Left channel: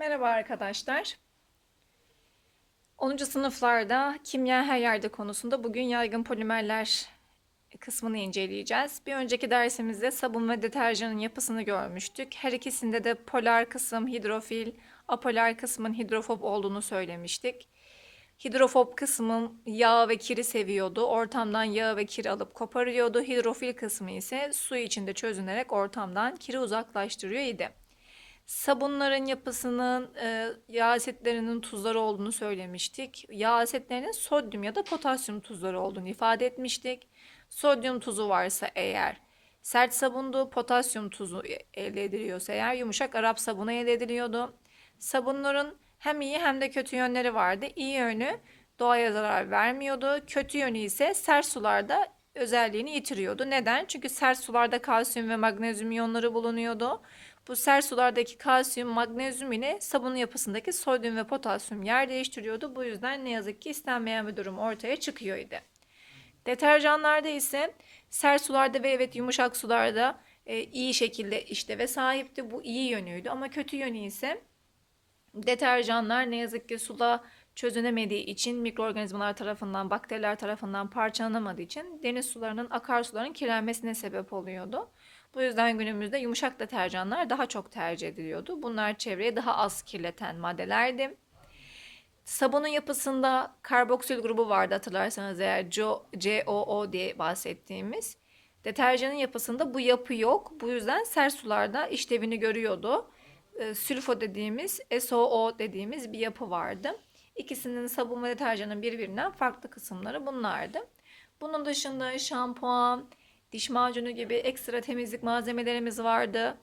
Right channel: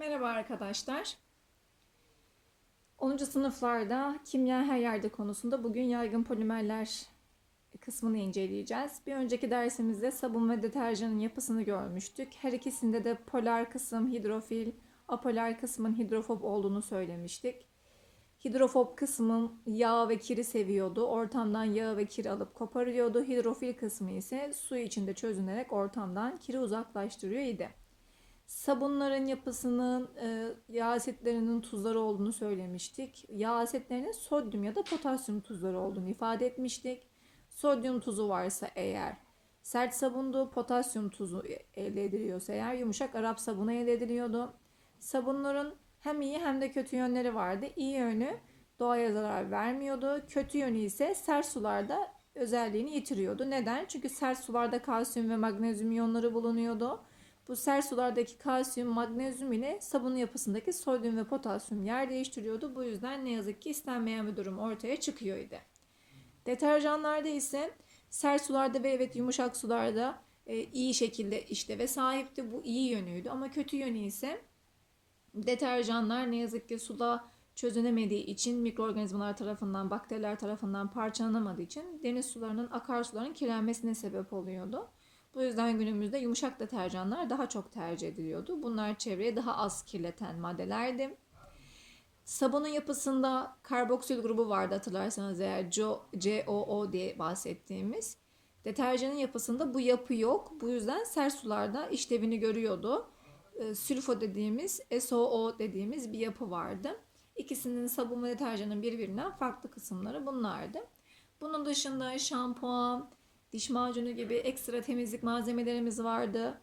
Merhaba arkadaşlar. 10. sınıflarda kimya her yerde konusunda bugün yaygın polimerler kısmını inceleyeceğiz. Bir önceki dersimizde sabun ve deterjanın yapısını görmüştük. Her ikisinde de polar kısım hidrofil, apolar kısmın hidrofob olduğunu söylemiştik. Hidrofob kısmın yağ ve kiri seviyordu. Ortamdan yağ ve kiri alıp koparıyordu. Hidrofil kısmı ise su içinde çözünerek ortamdan kiri uzaklaştırıyor idi. Sabunların yapısının e, yağ asitlerinin tuzları olduğunu söylemiştik. Yağ asitlerinin sodyum ya da potasyum tuzları olduğunu ifade etmiştik. Sodyum tuzu varsa eğer sert sabundu, potasyum tuzu elde ediliyorsa eğer yumuşak Arap sabunu elde ediliyordu. Sabunların hem iyi hem de kötü yönleri vardı. İyi yönü doğaya zarar vermiyordu. Kötü yönü ise sert sularda özelliğini yitiriyordu. Neden? Çünkü sert sularda kalsiyum ve magnezyum iyonları bulunuyordu. Bu sert sulardaki kalsiyum, magnezyum ile sabunun yapısındaki sodyum ve potasyum yer değiştiriyordu. Bu yüzden ne yazık ki istenmeyen bir durum ortaya çıkıyordu. Deterjanlarda ise sert sularda ve evet yumuşak sularda e, iyi şekilde işte ve sahipti. Bu iyi yönüydü ama kötü yönü ise deterjanlar ne yazık ki suda çözünemediği için mikroorganizmalar tarafından, bakteriler tarafından parçalanamadığı için deniz sularının, akarsuların kirlenmesine sebep oluyordu. Bu yüzden günümüzde yumuşak deterjanlar daha çok tercih ediliyordu. Bunlar çevreye daha az kirleten maddelerdi. Sabunun yapısında karboksil grubu vardı hatırlarsanız eğer COO diye bahsettiğimiz. Deterjanın yapısında bu yapı yok. Bu yüzden sert sularda işlevini görüyordu. E, sülfo dediğimiz, SOO dediğimiz bir yapı vardı. İkisinin sabun ve deterjanın birbirinden farklı kısımları bunlardı. Bunun dışında şampuan, diş macunu gibi ekstra temizlik malzemelerimiz vardı.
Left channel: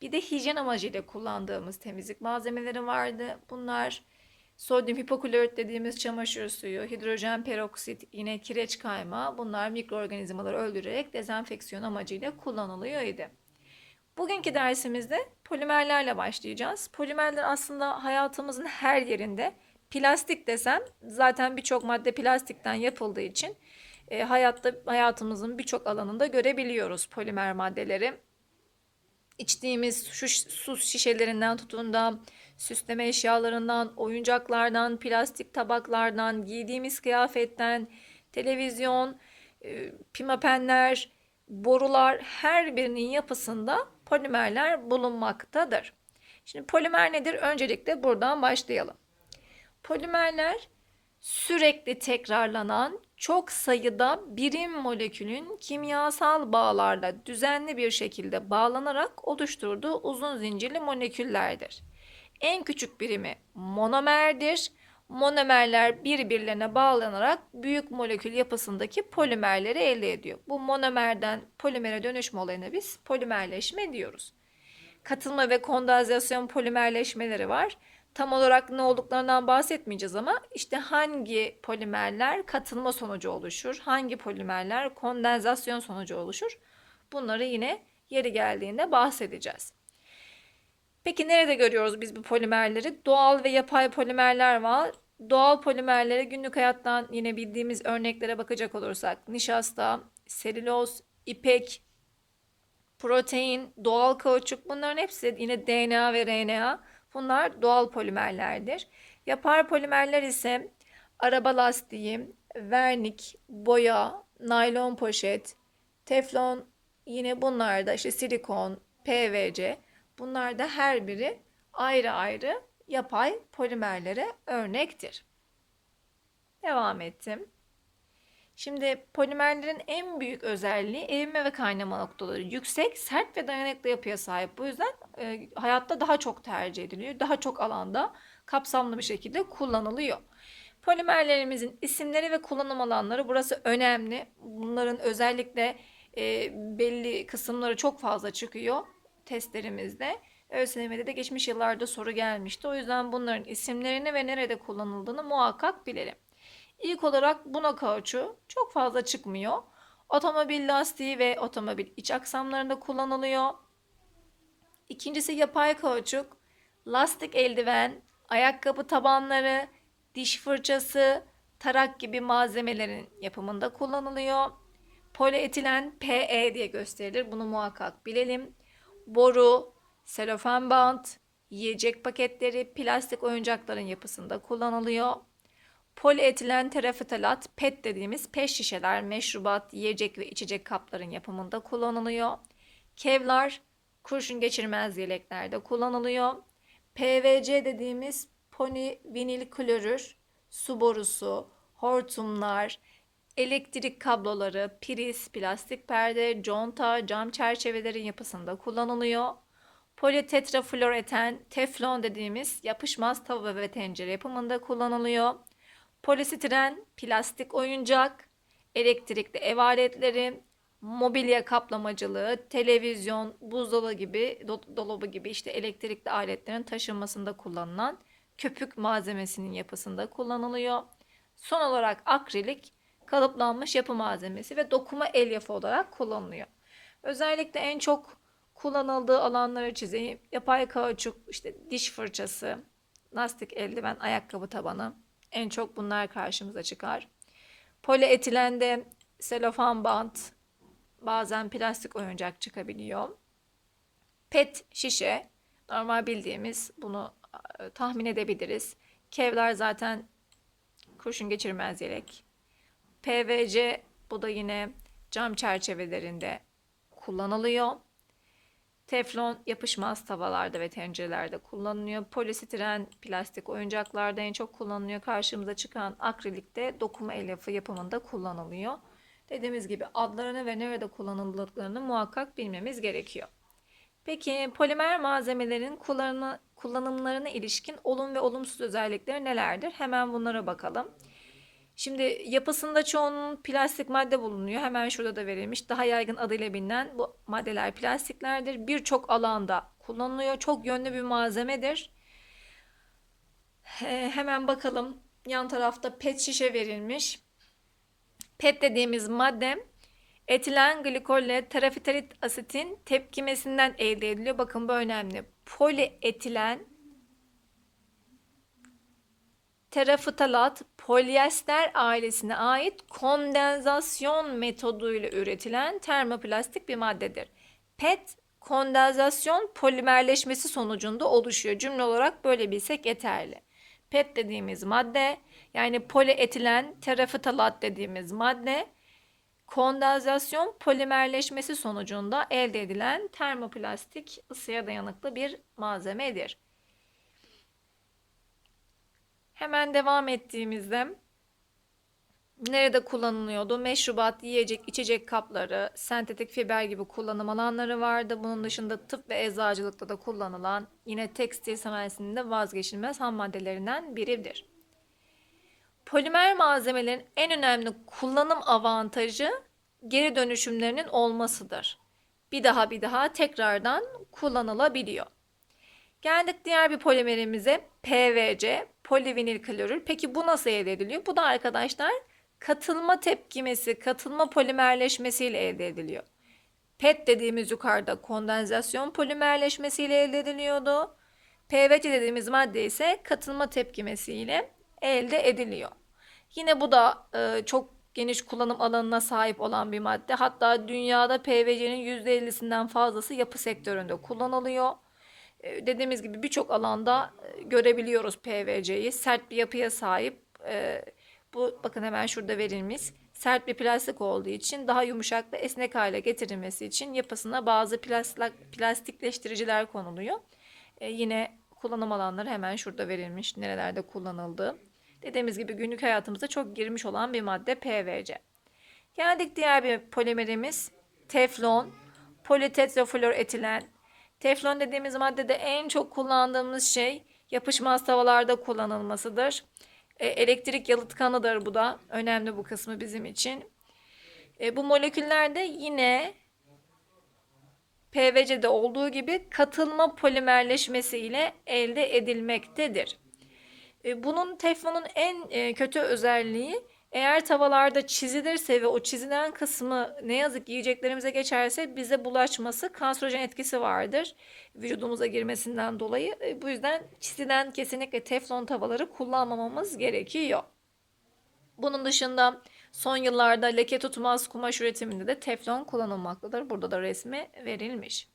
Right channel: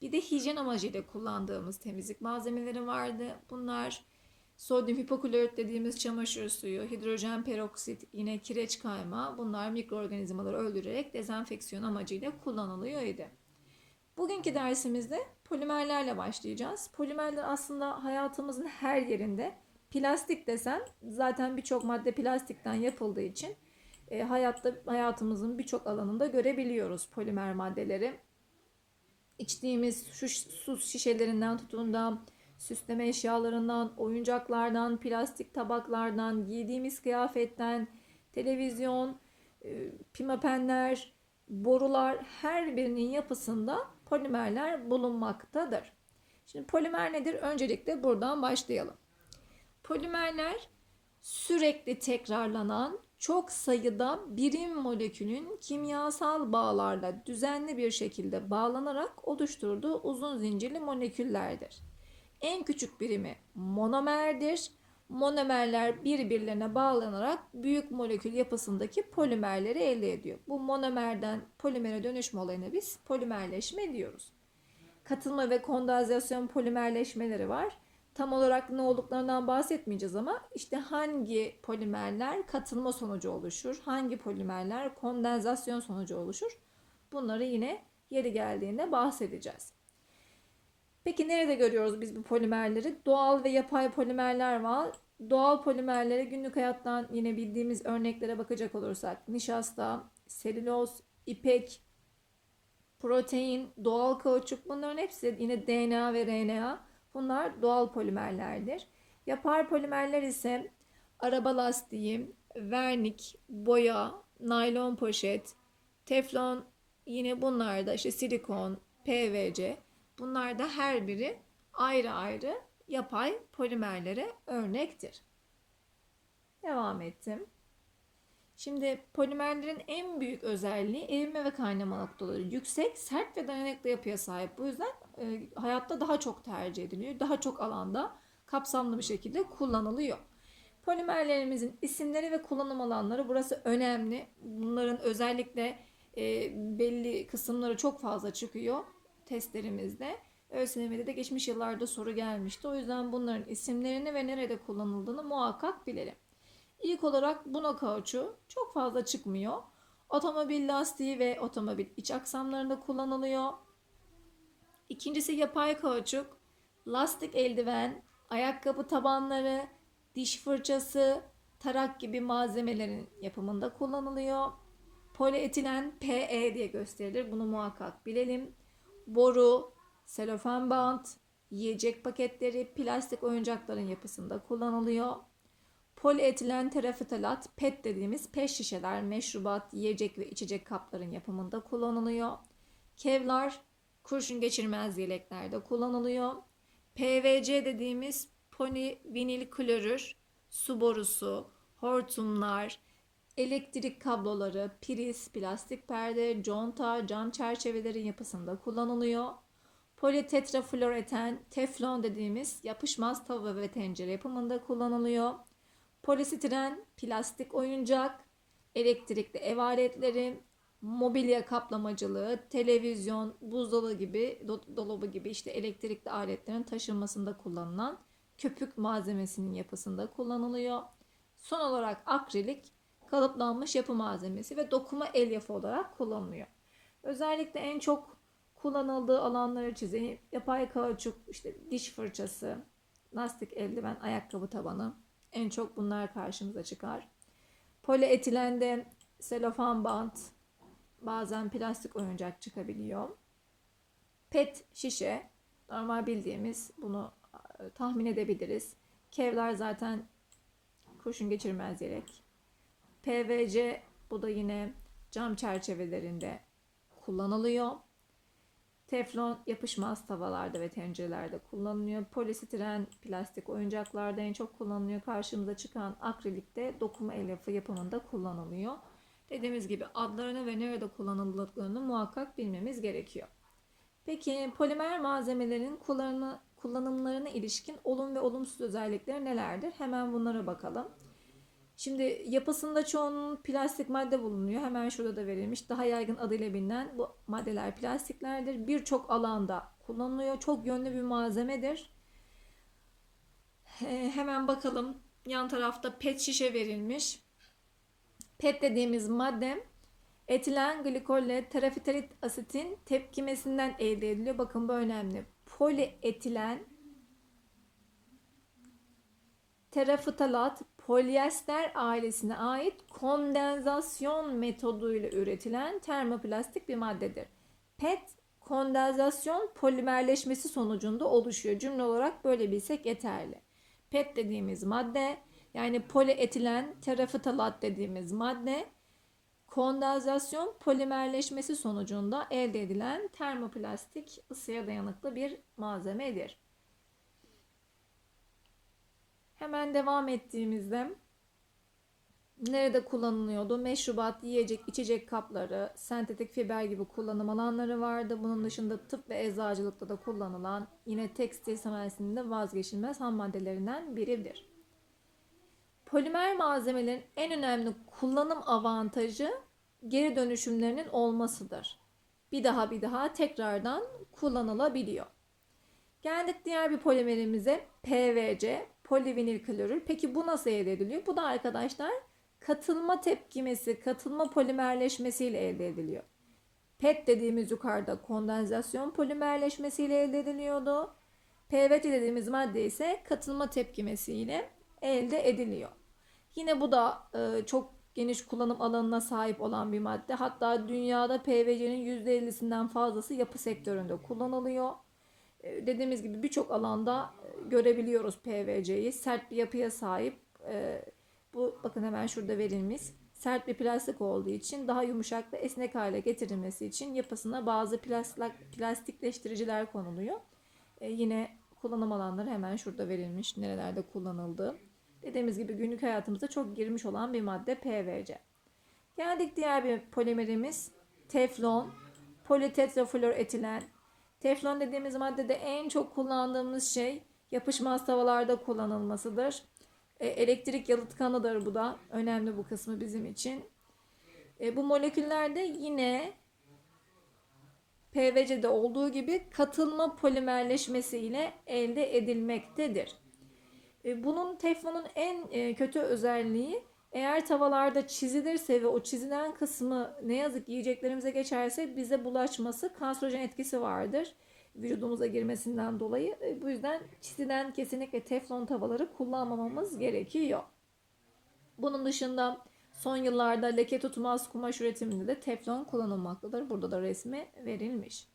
Bir de hijyen amacıyla kullandığımız temizlik malzemeleri vardı. Bunlar sodyum hipoklorit dediğimiz çamaşır suyu, hidrojen peroksit, yine kireç kayma bunlar mikroorganizmaları öldürerek dezenfeksiyon amacıyla kullanılıyordu. Bugünkü dersimizde polimerlerle başlayacağız. Polimerler aslında hayatımızın her yerinde. Plastik desem zaten birçok madde plastikten yapıldığı için e, hayatta hayatımızın birçok alanında görebiliyoruz polimer maddeleri. İçtiğimiz şu su şişelerinden tutun da süsleme eşyalarından, oyuncaklardan, plastik tabaklardan, giydiğimiz kıyafetten, televizyon, e, pimapenler, borular her birinin yapısında polimerler bulunmaktadır. Şimdi polimer nedir? Öncelikle buradan başlayalım. Polimerler sürekli tekrarlanan çok sayıda birim molekülün kimyasal bağlarla düzenli bir şekilde bağlanarak oluşturduğu uzun zincirli moleküllerdir. En küçük birimi monomerdir. Monomerler birbirlerine bağlanarak büyük molekül yapısındaki polimerleri elde ediyor. Bu monomerden polimere dönüşme olayına biz polimerleşme diyoruz. Katılma ve kondensasyon polimerleşmeleri var tam olarak ne olduklarından bahsetmeyeceğiz ama işte hangi polimerler katılma sonucu oluşur, hangi polimerler kondensasyon sonucu oluşur bunları yine yeri geldiğinde bahsedeceğiz. Peki nerede görüyoruz biz bu polimerleri? Doğal ve yapay polimerler var. Doğal polimerlere günlük hayattan yine bildiğimiz örneklere bakacak olursak nişasta, selüloz, ipek, protein, doğal kauçuk bunların hepsi yine DNA ve RNA Bunlar doğal polimerlerdir. Yapar polimerler ise araba lastiği, vernik, boya, naylon poşet, teflon yine bunlar da işte silikon, PVC bunlar da her biri ayrı ayrı yapay polimerlere örnektir. Devam ettim. Şimdi polimerlerin en büyük özelliği erime ve kaynama noktaları yüksek, sert ve dayanıklı yapıya sahip. Bu yüzden e, hayatta daha çok tercih ediliyor. Daha çok alanda kapsamlı bir şekilde kullanılıyor. Polimerlerimizin isimleri ve kullanım alanları burası önemli. Bunların özellikle e, belli kısımları çok fazla çıkıyor testlerimizde. ÖSYM'de de geçmiş yıllarda soru gelmişti. O yüzden bunların isimlerini ve nerede kullanıldığını muhakkak bilelim. İlk olarak buna kauçu çok fazla çıkmıyor. Otomobil lastiği ve otomobil iç aksamlarında kullanılıyor. İkincisi yapay kauçuk, lastik eldiven, ayakkabı tabanları, diş fırçası, tarak gibi malzemelerin yapımında kullanılıyor. Polietilen PE diye gösterilir. Bunu muhakkak bilelim. Boru, selofan bant, yiyecek paketleri, plastik oyuncakların yapısında kullanılıyor. Polietilen terefitalat, PET dediğimiz pet şişeler, meşrubat, yiyecek ve içecek kapların yapımında kullanılıyor. Kevlar, kurşun geçirmez yeleklerde kullanılıyor. PVC dediğimiz polivinil klorür, su borusu, hortumlar, elektrik kabloları, priz, plastik perde, conta, cam çerçevelerin yapısında kullanılıyor. Politetrafluoreten, teflon dediğimiz yapışmaz tava ve tencere yapımında kullanılıyor. Polisistiren, plastik oyuncak, elektrikli ev aletleri, mobilya kaplamacılığı, televizyon, buzdolabı gibi, do- dolabı gibi işte elektrikli aletlerin taşınmasında kullanılan köpük malzemesinin yapısında kullanılıyor. Son olarak akrilik, kalıplanmış yapı malzemesi ve dokuma elyafı olarak kullanılıyor. Özellikle en çok kullanıldığı alanları çizeyim. Yapay kauçuk, işte diş fırçası, lastik eldiven, ayakkabı tabanı. En çok bunlar karşımıza çıkar. Polietilende selofan bant, bazen plastik oyuncak çıkabiliyor. PET şişe, normal bildiğimiz bunu e, tahmin edebiliriz. Kevlar zaten kurşun geçirmez yelek. PVC bu da yine cam çerçevelerinde kullanılıyor. Teflon yapışmaz tavalarda ve tencerelerde kullanılıyor. Polistiren plastik oyuncaklarda en çok kullanılıyor. Karşımıza çıkan akrilik de dokuma elyafı yapımında kullanılıyor. Dediğimiz gibi adlarını ve nerede kullanıldıklarını muhakkak bilmemiz gerekiyor. Peki polimer malzemelerin kullanımı, kullanımlarına ilişkin olum ve olumsuz özellikleri nelerdir? Hemen bunlara bakalım. Şimdi yapısında çoğunun plastik madde bulunuyor. Hemen şurada da verilmiş. Daha yaygın adıyla bilinen bu maddeler plastiklerdir. Birçok alanda kullanılıyor. Çok yönlü bir malzemedir. Hemen bakalım. Yan tarafta pet şişe verilmiş. PET dediğimiz madde etilen glikolle terafitalit asitin tepkimesinden elde ediliyor. Bakın bu önemli. Polietilen terafitalat polyester ailesine ait kondensasyon metoduyla üretilen termoplastik bir maddedir. PET kondensasyon polimerleşmesi sonucunda oluşuyor. Cümle olarak böyle bilsek yeterli. PET dediğimiz madde yani polietilen terafitalat dediğimiz madde kondensasyon polimerleşmesi sonucunda elde edilen termoplastik ısıya dayanıklı bir malzemedir. Hemen devam ettiğimizde nerede kullanılıyordu? Meşrubat, yiyecek, içecek kapları, sentetik fiber gibi kullanım alanları vardı. Bunun dışında tıp ve eczacılıkta da kullanılan yine tekstil sanayisinin vazgeçilmez ham maddelerinden biridir. Polimer malzemelerin en önemli kullanım avantajı geri dönüşümlerinin olmasıdır. Bir daha bir daha tekrardan kullanılabiliyor. Geldik diğer bir polimerimize PVC, polivinil klorür. Peki bu nasıl elde ediliyor? Bu da arkadaşlar katılma tepkimesi, katılma polimerleşmesiyle elde ediliyor. PET dediğimiz yukarıda kondensasyon polimerleşmesiyle elde ediliyordu. PVC dediğimiz madde ise katılma tepkimesiyle elde ediliyor. Yine bu da e, çok geniş kullanım alanına sahip olan bir madde. Hatta dünyada PVC'nin %50'sinden fazlası yapı sektöründe kullanılıyor. E, dediğimiz gibi birçok alanda e, görebiliyoruz PVC'yi. Sert bir yapıya sahip. E, bu bakın hemen şurada verilmiş. Sert bir plastik olduğu için daha yumuşak ve esnek hale getirilmesi için yapısına bazı plastik, plastikleştiriciler konuluyor. E, yine kullanım alanları hemen şurada verilmiş. Nerelerde kullanıldığı. Dediğimiz gibi günlük hayatımızda çok girmiş olan bir madde PVC. Geldik diğer bir polimerimiz teflon, politetrafluoretilen. Teflon dediğimiz maddede en çok kullandığımız şey yapışmaz tavalarda kullanılmasıdır. E, elektrik yalıtkanıdır bu da. Önemli bu kısmı bizim için. E, bu moleküllerde yine PVC'de olduğu gibi katılma polimerleşmesi ile elde edilmektedir. E, bunun teflonun en e, kötü özelliği eğer tavallarda çizilirse ve o çizilen kısmı ne yazık ki yiyeceklerimize geçerse bize bulaşması kanserojen etkisi vardır. Vücudumuza girmesinden dolayı. E, bu yüzden çizilen kesinlikle teflon tavaları kullanmamamız gerekiyor. Bunun dışında son yıllarda leke tutmaz kumaş üretiminde de teflon kullanılmaktadır. Burada da resmi verilmiş.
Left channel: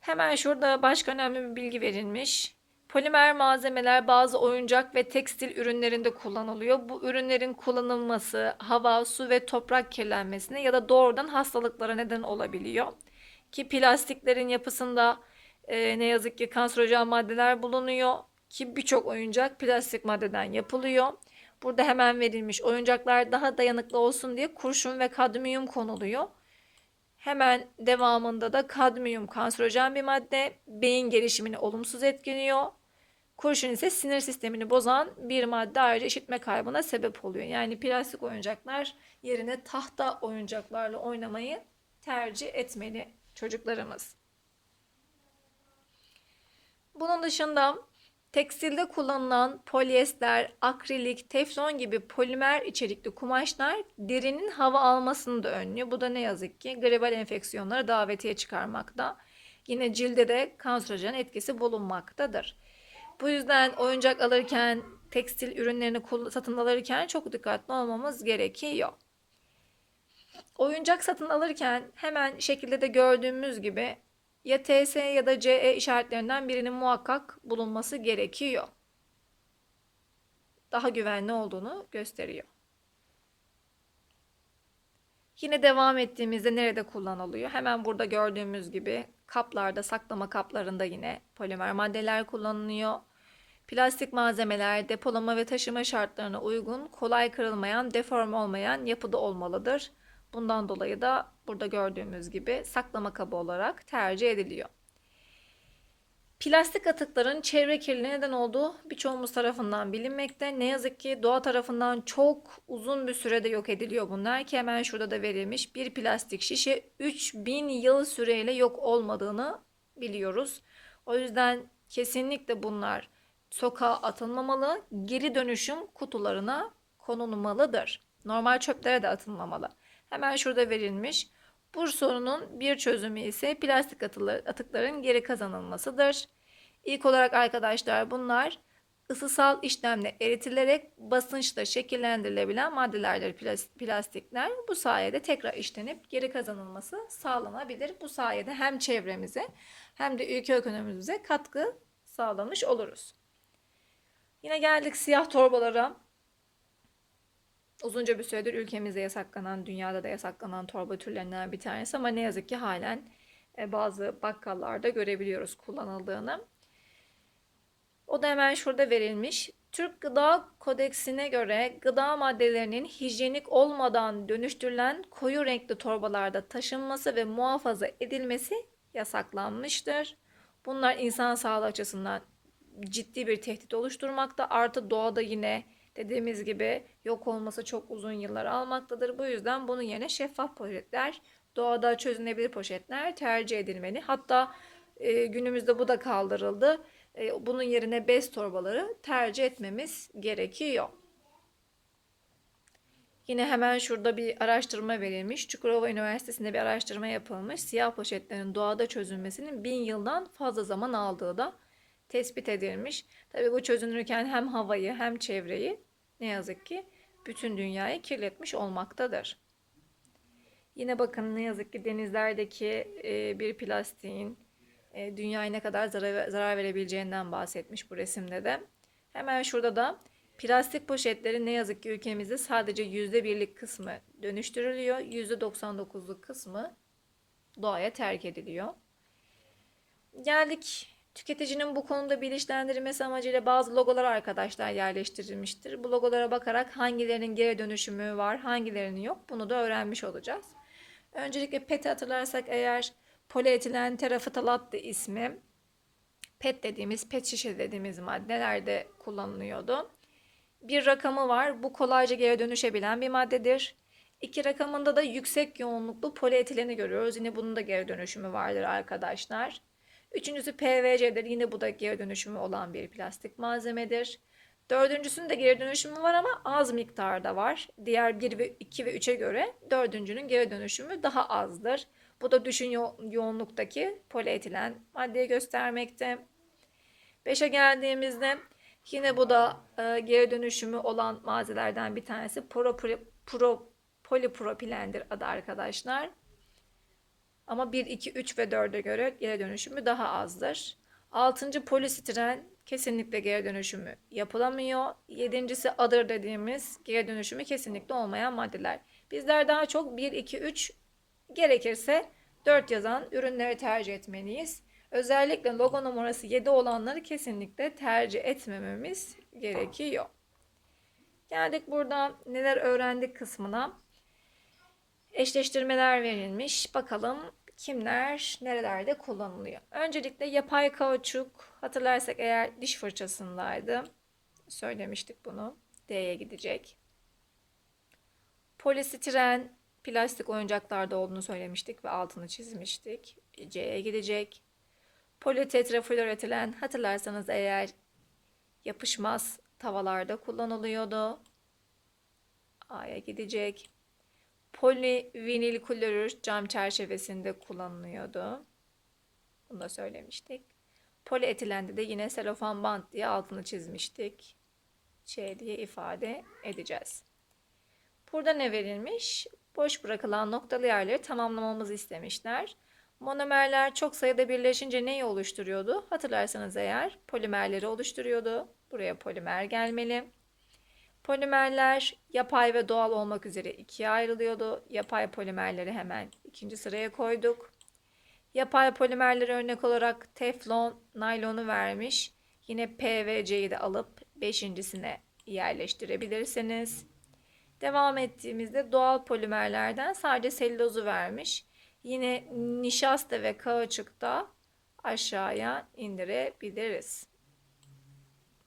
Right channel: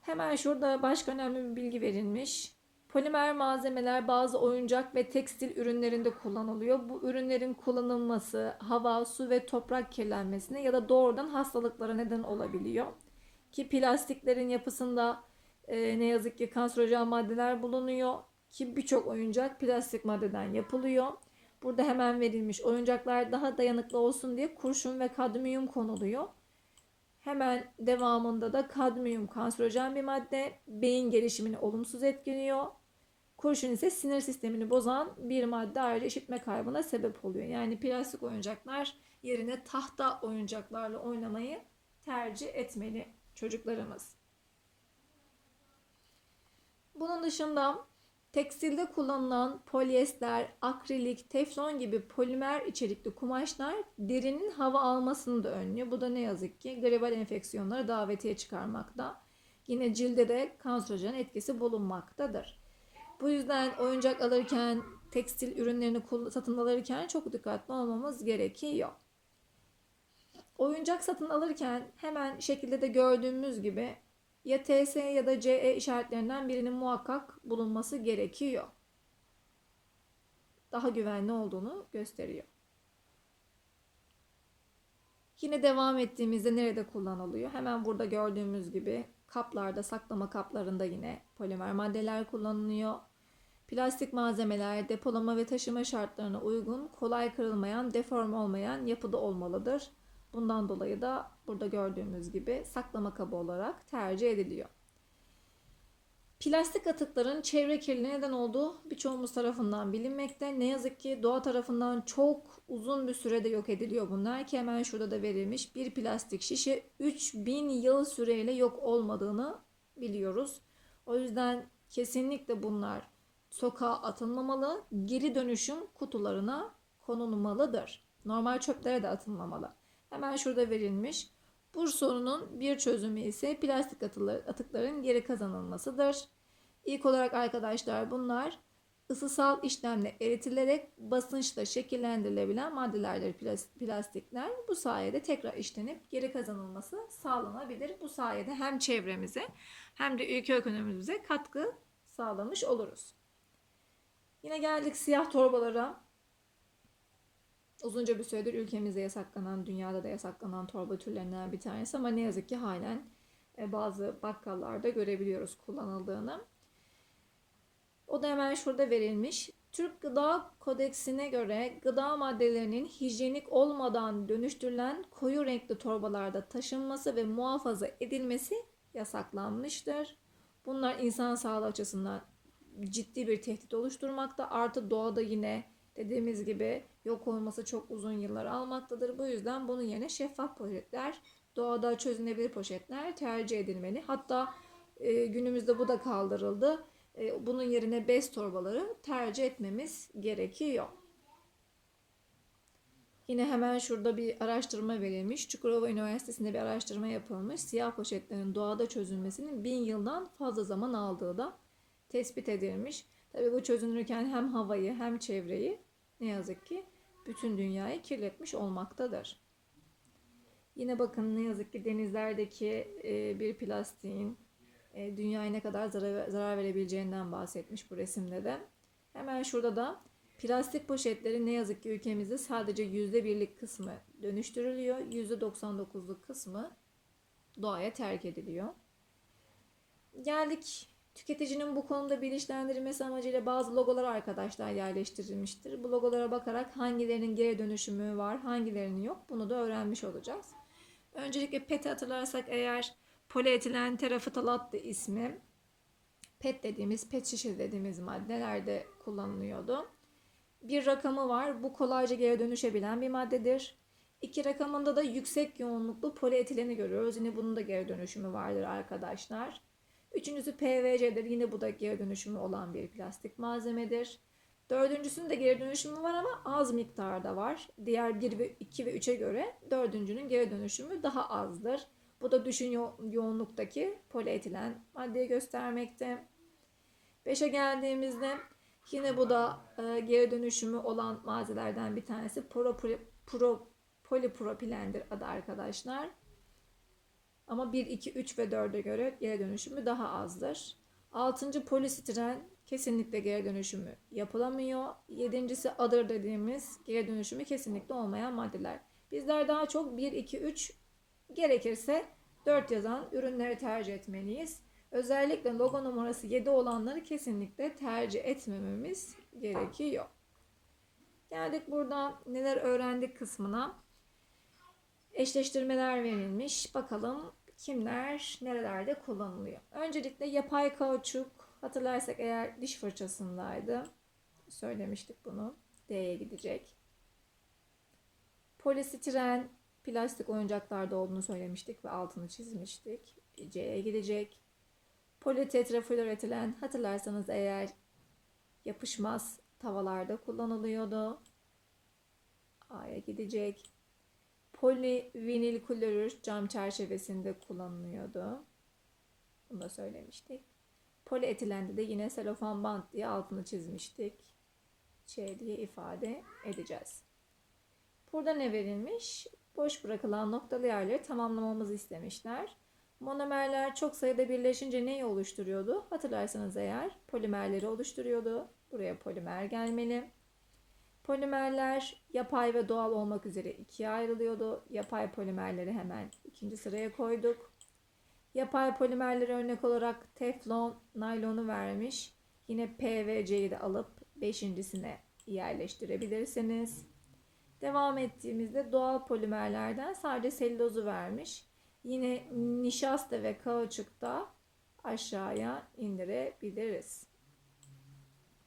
Hemen şurada başka önemli bir bilgi verilmiş. Polimer malzemeler bazı oyuncak ve tekstil ürünlerinde kullanılıyor. Bu ürünlerin kullanılması hava, su ve toprak kirlenmesine ya da doğrudan hastalıklara neden olabiliyor. Ki plastiklerin yapısında e, ne yazık ki kanserojen maddeler bulunuyor. Ki birçok oyuncak plastik maddeden yapılıyor. Burada hemen verilmiş oyuncaklar daha dayanıklı olsun diye kurşun ve kadmiyum konuluyor. Hemen devamında da kadmiyum kanserojen bir madde, beyin gelişimini olumsuz etkiliyor. Kurşun ise sinir sistemini bozan bir madde ayrıca işitme kaybına sebep oluyor. Yani plastik oyuncaklar yerine tahta oyuncaklarla oynamayı tercih etmeli çocuklarımız. Bunun dışında tekstilde kullanılan polyester, akrilik, teflon gibi polimer içerikli kumaşlar derinin hava almasını da önlüyor. Bu da ne yazık ki gribal enfeksiyonları davetiye çıkarmakta. Yine cilde de kanserojen etkisi bulunmaktadır. Bu yüzden oyuncak alırken, tekstil ürünlerini satın alırken çok dikkatli olmamız gerekiyor. Oyuncak satın alırken hemen şekilde de gördüğümüz gibi ya TS ya da CE işaretlerinden birinin muhakkak bulunması gerekiyor. Daha güvenli olduğunu gösteriyor. Yine devam ettiğimizde nerede kullanılıyor? Hemen burada gördüğümüz gibi kaplarda, saklama kaplarında yine polimer maddeler kullanılıyor. Plastik malzemeler depolama ve taşıma şartlarına uygun, kolay kırılmayan, deform olmayan yapıda olmalıdır. Bundan dolayı da burada gördüğümüz gibi saklama kabı olarak tercih ediliyor. Plastik atıkların çevre kirliliğine neden olduğu birçoğumuz tarafından bilinmekte. Ne yazık ki doğa tarafından çok uzun bir sürede yok ediliyor bunlar ki hemen şurada da verilmiş. Bir plastik şişe 3000 yıl süreyle yok olmadığını biliyoruz. O yüzden kesinlikle bunlar sokağa atılmamalı, geri dönüşüm kutularına konulmalıdır. Normal çöplere de atılmamalı. Hemen şurada verilmiş. Bu sorunun bir çözümü ise plastik atıkların geri kazanılmasıdır. İlk olarak arkadaşlar bunlar ısısal işlemle eritilerek basınçla şekillendirilebilen maddelerdir plastikler. Bu sayede tekrar işlenip geri kazanılması sağlanabilir. Bu sayede hem çevremize hem de ülke ekonomimize katkı sağlamış oluruz. Yine geldik siyah torbalara. Uzunca bir süredir ülkemizde yasaklanan, dünyada da yasaklanan torba türlerinden bir tanesi ama ne yazık ki halen e, bazı bakkallarda görebiliyoruz kullanıldığını. O da hemen şurada verilmiş. Türk Gıda Kodeksine göre gıda maddelerinin hijyenik olmadan dönüştürülen koyu renkli torbalarda taşınması ve muhafaza edilmesi yasaklanmıştır. Bunlar insan sağlığı açısından ciddi bir tehdit oluşturmakta. Artı doğada yine dediğimiz gibi yok olması çok uzun yıllar almaktadır. Bu yüzden bunun yerine şeffaf poşetler, doğada çözünebilir poşetler tercih edilmeli. Hatta e, günümüzde bu da kaldırıldı. E, bunun yerine bez torbaları tercih etmemiz gerekiyor. Yine hemen şurada bir araştırma verilmiş. Çukurova Üniversitesi'nde bir araştırma yapılmış. Siyah poşetlerin doğada çözülmesinin bin yıldan fazla zaman aldığı da tespit edilmiş. Tabi bu çözünürken hem havayı hem çevreyi ne yazık ki bütün dünyayı kirletmiş olmaktadır. Yine bakın ne yazık ki denizlerdeki e, bir plastiğin e, dünyaya ne kadar zarar, verebileceğinden bahsetmiş bu resimde de. Hemen şurada da plastik poşetleri ne yazık ki ülkemizde sadece %1'lik kısmı dönüştürülüyor. %99'luk kısmı doğaya terk ediliyor. Geldik Tüketicinin bu konuda bilinçlendirilmesi amacıyla bazı logolar arkadaşlar yerleştirilmiştir. Bu logolara bakarak hangilerinin geri dönüşümü var, hangilerinin yok bunu da öğrenmiş olacağız. Öncelikle PET hatırlarsak eğer polietilen terafıtalat ismi PET dediğimiz, PET şişe dediğimiz maddelerde kullanılıyordu. Bir rakamı var. Bu kolayca geri dönüşebilen bir maddedir. İki rakamında da yüksek yoğunluklu polietileni görüyoruz. Yine bunun da geri dönüşümü vardır arkadaşlar. Üçüncüsü PVC'dir. Yine bu da geri dönüşümü olan bir plastik malzemedir. Dördüncüsünün de geri dönüşümü var ama az miktarda var. Diğer 1 ve 2 ve 3'e göre dördüncünün geri dönüşümü daha azdır. Bu da düşün yo yoğunluktaki polietilen maddeyi göstermekte. 5'e geldiğimizde yine bu da e, geri dönüşümü olan malzemelerden bir tanesi pro, pro, pro, polipropilendir adı arkadaşlar. Ama 1, 2, 3 ve 4'e göre geri dönüşümü daha azdır. Altıncı polistiren kesinlikle geri dönüşümü yapılamıyor. Yedincisi adır dediğimiz geri dönüşümü kesinlikle olmayan maddeler. Bizler daha çok 1, 2, 3 gerekirse 4 yazan ürünleri tercih etmeliyiz. Özellikle logo numarası 7 olanları kesinlikle tercih etmememiz gerekiyor. Geldik burada neler öğrendik kısmına. Eşleştirmeler verilmiş. Bakalım kimler nerelerde kullanılıyor. Öncelikle yapay kauçuk hatırlarsak eğer diş fırçasındaydı. Söylemiştik bunu. D'ye gidecek. Polistiren plastik oyuncaklarda olduğunu söylemiştik ve altını çizmiştik. C'ye gidecek. Politetrafluoretilen hatırlarsanız eğer yapışmaz tavalarda kullanılıyordu. A'ya gidecek. Polivinil klorür cam çerçevesinde kullanılıyordu. Bunu da söylemiştik. Polietilende de yine selofan bant diye altını çizmiştik. Ç diye ifade edeceğiz. Burada ne verilmiş? Boş bırakılan noktalı yerleri tamamlamamızı istemişler. Monomerler çok sayıda birleşince neyi oluşturuyordu? Hatırlarsanız eğer polimerleri oluşturuyordu. Buraya polimer gelmeli. Polimerler yapay ve doğal olmak üzere ikiye ayrılıyordu. Yapay polimerleri hemen ikinci sıraya koyduk. Yapay polimerleri örnek olarak teflon, naylonu vermiş. Yine P ve C'yi de alıp beşincisine yerleştirebilirsiniz. Devam ettiğimizde doğal polimerlerden sadece selülozu vermiş. Yine nişasta ve kauçukta aşağıya indirebiliriz.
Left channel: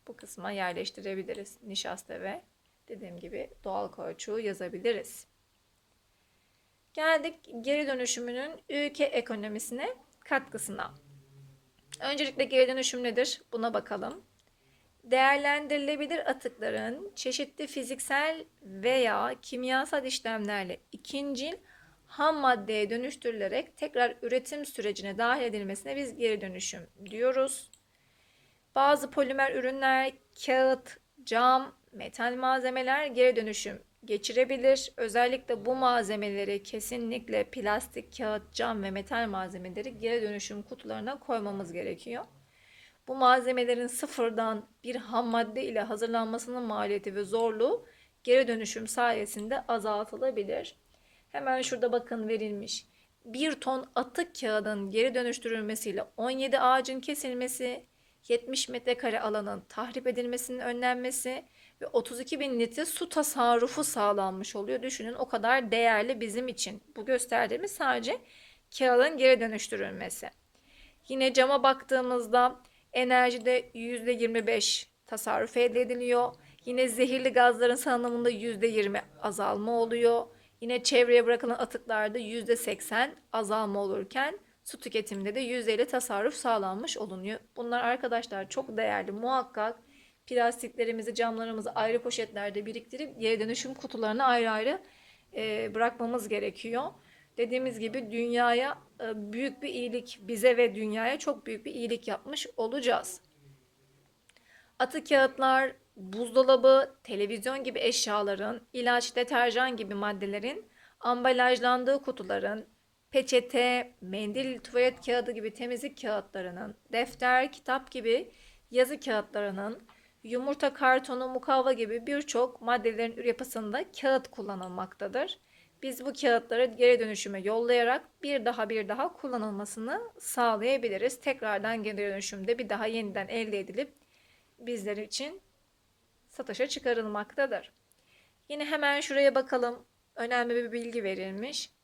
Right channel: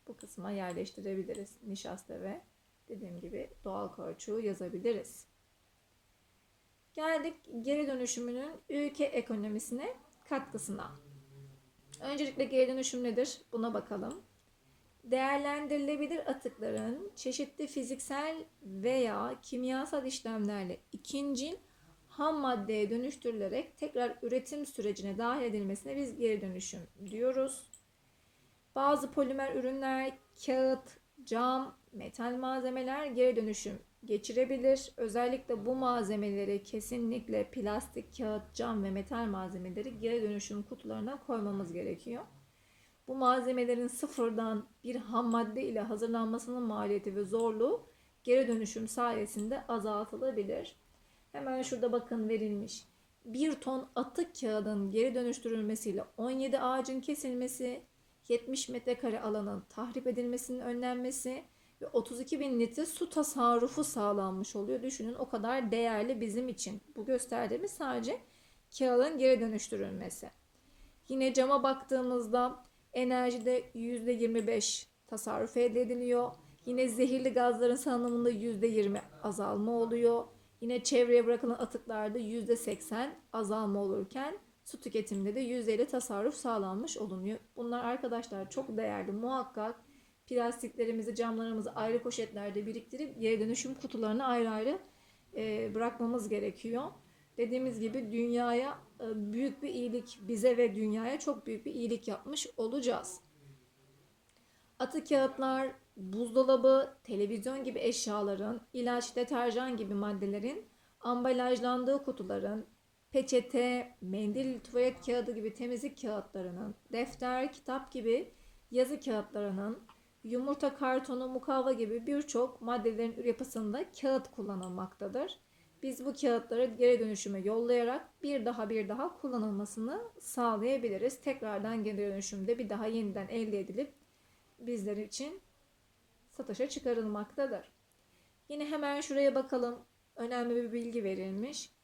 Bu kısma yerleştirebiliriz. Nişasta ve dediğim gibi doğal kauçuğu yazabiliriz. Geldik geri dönüşümünün ülke ekonomisine katkısına. Öncelikle geri dönüşüm nedir? Buna bakalım. Değerlendirilebilir atıkların çeşitli fiziksel veya kimyasal işlemlerle ikincil ham maddeye dönüştürülerek tekrar üretim sürecine dahil edilmesine biz geri dönüşüm diyoruz. Bazı polimer ürünler, kağıt, cam, metal malzemeler geri dönüşüm geçirebilir. Özellikle bu malzemeleri kesinlikle plastik, kağıt, cam ve metal malzemeleri geri dönüşüm kutularına koymamız gerekiyor. Bu malzemelerin sıfırdan bir ham madde ile hazırlanmasının maliyeti ve zorluğu geri dönüşüm sayesinde azaltılabilir. Hemen şurada bakın verilmiş. 1 ton atık kağıdın geri dönüştürülmesiyle 17 ağacın kesilmesi, 70 metrekare alanın tahrip edilmesinin önlenmesi ve 32 bin litre su tasarrufu sağlanmış oluyor. Düşünün o kadar değerli bizim için. Bu gösterdiğimiz sadece kağıdın geri dönüştürülmesi. Yine cama baktığımızda enerjide %25 tasarruf ediliyor. Yine zehirli gazların salınımında %20 azalma oluyor. Yine çevreye bırakılan atıklarda %80 azalma olurken su tüketiminde de %50 tasarruf sağlanmış olunuyor. Bunlar arkadaşlar çok değerli. Muhakkak plastiklerimizi, camlarımızı ayrı poşetlerde biriktirip geri dönüşüm kutularına ayrı ayrı e, bırakmamız gerekiyor. Dediğimiz gibi dünyaya e, büyük bir iyilik, bize ve dünyaya çok büyük bir iyilik yapmış olacağız. Atık kağıtlar, buzdolabı, televizyon gibi eşyaların, ilaç, deterjan gibi maddelerin ambalajlandığı kutuların, peçete, mendil, tuvalet kağıdı gibi temizlik kağıtlarının, defter, kitap gibi yazı kağıtlarının, yumurta kartonu, mukavva gibi birçok maddelerin yapısında kağıt kullanılmaktadır. Biz bu kağıtları geri dönüşüme yollayarak bir daha bir daha kullanılmasını sağlayabiliriz. Tekrardan geri dönüşümde bir daha yeniden elde edilip bizler için satışa çıkarılmaktadır. Yine hemen şuraya bakalım. Önemli bir bilgi verilmiş.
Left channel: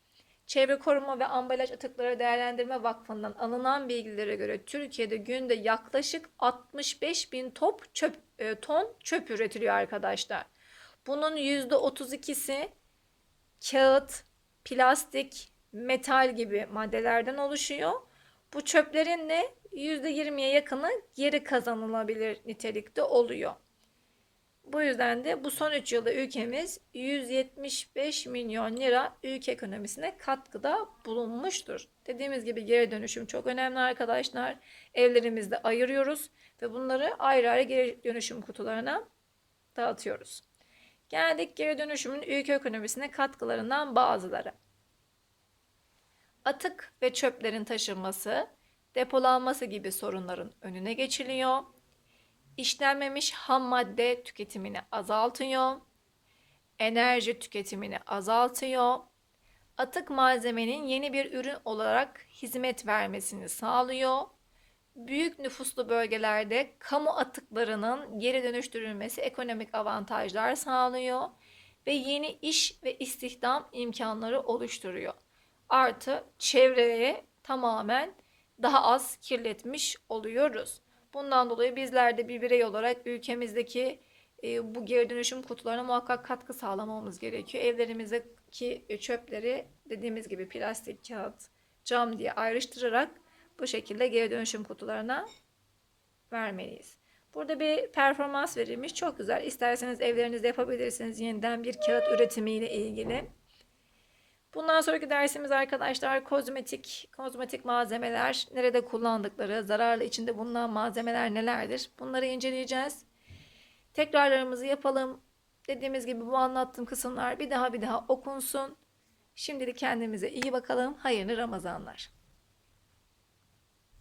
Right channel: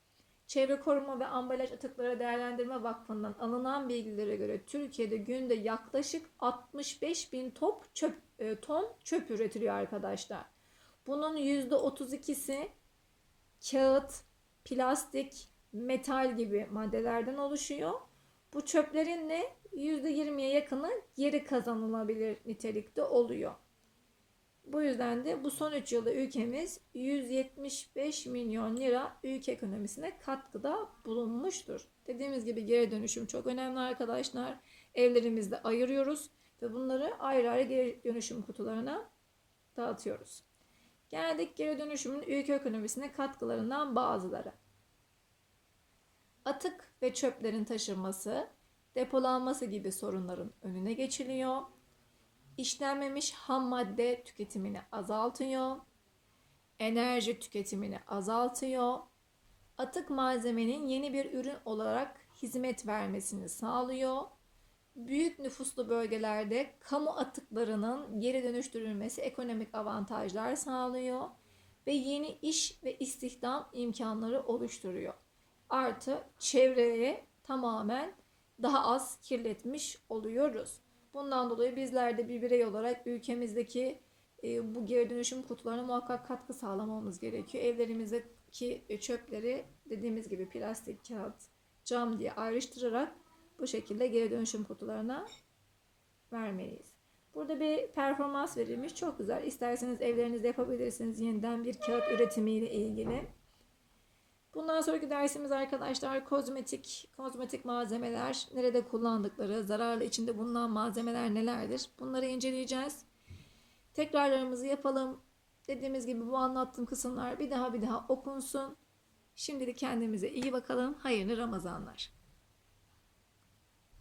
Çevre Koruma ve Ambalaj Atıkları Değerlendirme Vakfı'ndan alınan bilgilere göre Türkiye'de günde yaklaşık 65 bin top çöp, e, ton çöp üretiliyor arkadaşlar. Bunun %32'si kağıt, plastik, metal gibi maddelerden oluşuyor. Bu çöplerin de %20'ye yakını geri kazanılabilir nitelikte oluyor. Bu yüzden de bu son 3 yılda ülkemiz 175 milyon lira ülke ekonomisine katkıda bulunmuştur. Dediğimiz gibi geri dönüşüm çok önemli arkadaşlar. Evlerimizde ayırıyoruz ve bunları ayrı ayrı geri dönüşüm kutularına dağıtıyoruz. Geldik geri dönüşümün ülke ekonomisine katkılarından bazıları. atık ve çöplerin taşınması, depolanması gibi sorunların önüne geçiliyor. İşlenmemiş ham madde tüketimini azaltıyor. Enerji tüketimini azaltıyor. Atık malzemenin yeni bir ürün olarak hizmet vermesini sağlıyor. Büyük nüfuslu bölgelerde kamu atıklarının geri dönüştürülmesi ekonomik avantajlar sağlıyor ve yeni iş ve istihdam imkanları oluşturuyor. Artı çevreye tamamen daha az kirletmiş oluyoruz. Bundan dolayı bizler de bir birey olarak ülkemizdeki e, bu geri dönüşüm kutularına muhakkak katkı sağlamamız gerekiyor. Evlerimizdeki e, çöpleri dediğimiz gibi plastik, kağıt, cam diye ayrıştırarak bu şekilde geri dönüşüm kutularına vermeliyiz. Burada bir performans verilmiş. Çok güzel. İsterseniz evlerinizde yapabilirsiniz yeniden bir kağıt üretimiyle ilgili. Bundan sonraki dersimiz arkadaşlar kozmetik, kozmetik malzemeler, nerede kullandıkları, zararlı içinde bulunan malzemeler nelerdir? Bunları inceleyeceğiz. Tekrarlarımızı yapalım. Dediğimiz gibi bu anlattığım kısımlar bir daha bir daha okunsun. Şimdilik kendimize iyi bakalım. Hayırlı Ramazanlar.